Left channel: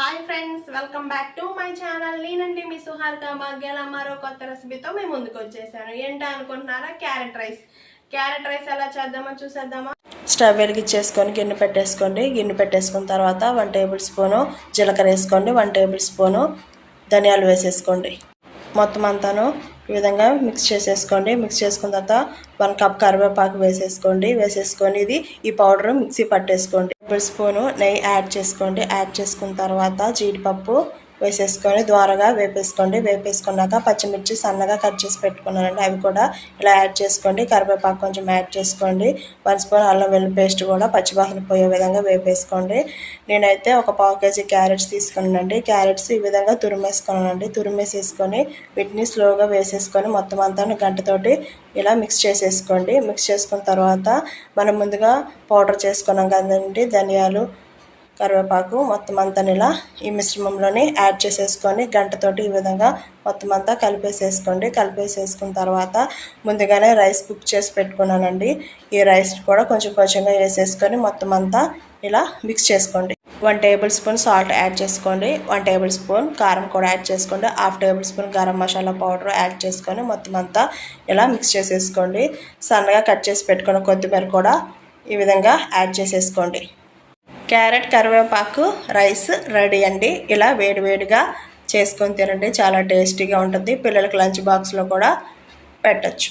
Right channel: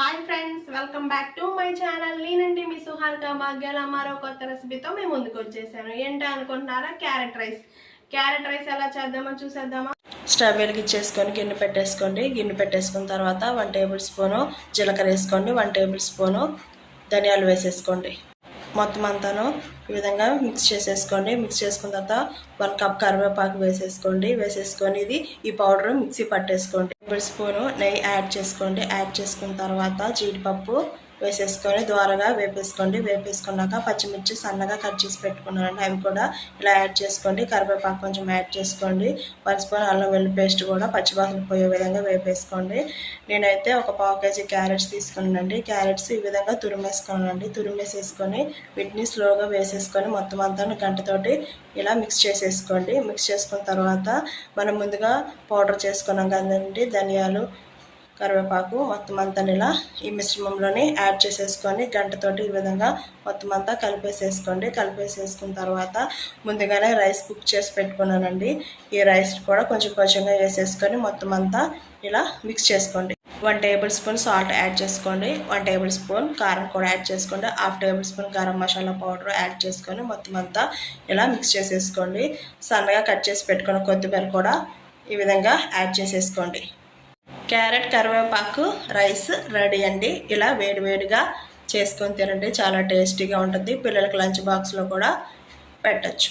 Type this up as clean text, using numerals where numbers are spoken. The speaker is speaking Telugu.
Hi friends, welcome back to my channel. నేనండి మీ సుహారిక మగ్గెల మరో కొత్త రెసిపీతో మేము ముందుకు వచ్చేసాను. ఏంటో అనుకుంటున్నారా? క్యారెట్ రైస్ ఎలా చేద్దామో చూసేద్దామా. స్టవ్ వెలిగించేసుకొని గిన్నె పెట్టేసుకున్న తర్వాత 1 టేబుల్ స్పూను జీలకర్ర వేసుకోండి, 1 టేబుల్ స్పూను ధనియాలు వేసేసుకోండి. మొత్తం అంతాను ఈ విధంగా మిక్స్ చేసేసుకోండి. మిక్స్ చేసుకున్న తర్వాత 1 కప్ కరివేపాకు వేసేసుకొని ఈ పౌడర్ మిక్సీ పట్టేసుకోండి. 1 టేబుల్ స్పూను నెయ్యి యాడ్ చేసుకున్న తర్వాత జీడిపప్పు వేసేసుకొని ద్వారగా వేపేసుకున్నాక పచ్చిమిర్చి సన్నగా కట్ చేసి పెట్టుకున్నానండి, అవి కూడా ఇలా యాడ్ చేసుకోండి. కరివేపాకు కొంచెం యాడ్ చేసుకోండి. 1 స్పూన్ అల్లం వెల్లుల్లి పేస్ట్ కూడా పచ్చివాసన పోయే విధంగా వేపేసుకోండి. నేనైతే ఒక 1/2 కేజీ క్యారెట్స్ తీసుకున్నానండి. క్యారెట్స్ ఈ విధంగా తురిమేసుకొని వీటిని స్లోగా వేసేసుకొని మొత్తం అంతా గంటతోటి ఇలా మిక్స్ చేసేసుకోండి. మిక్స్ చేసుకున్న తర్వాత మనం ముందుగా పౌడర్ చేసుకున్నాం కదండి, ధనియాలు కరివేపాకు మొత్తం అంతా ఇలా ఈ మిశ్రమంలోని యాడ్ చేసేసుకొని గంటతోటి ఈ విధంగా మొత్తం అంతా కలిపేసేసుకున్న తర్వాత ముందుగానే రైస్ కుక్ చేసి పెట్టుకున్నానండి. ఈ రైస్ కూడా కొంచెంగా వేసేసుకొని మొత్తం అంతా ఇలా మిక్స్ చేసుకోండి. 1 టేబుల్ స్పూన్ సాల్ట్ యాడ్ చేసుకోండి, 1 టేబుల్ స్పూన్ కారం కూడా యాడ్ చేసుకోండి, 1/2 table spoon garam masala powder add చేసుకొని మొత్తం అంతా ఇలా మిక్స్ చేసేసుకోండి. సన్నగా కట్ చేసి పెట్టుకున్న కొత్తిమీర కూడా ఈ విధంగా యాడ్ చేసేసుకోండి. క్యారెట్ కరివేపాకు రైస్ రెడీ అండి. ఇలా వేడివేడిగా చేసుకొని తినండి, చాలా టేస్టీగా ఉంటుంది. పిల్లలకి లంచ్ బాక్స్లో కూడా పెట్టచ్చు.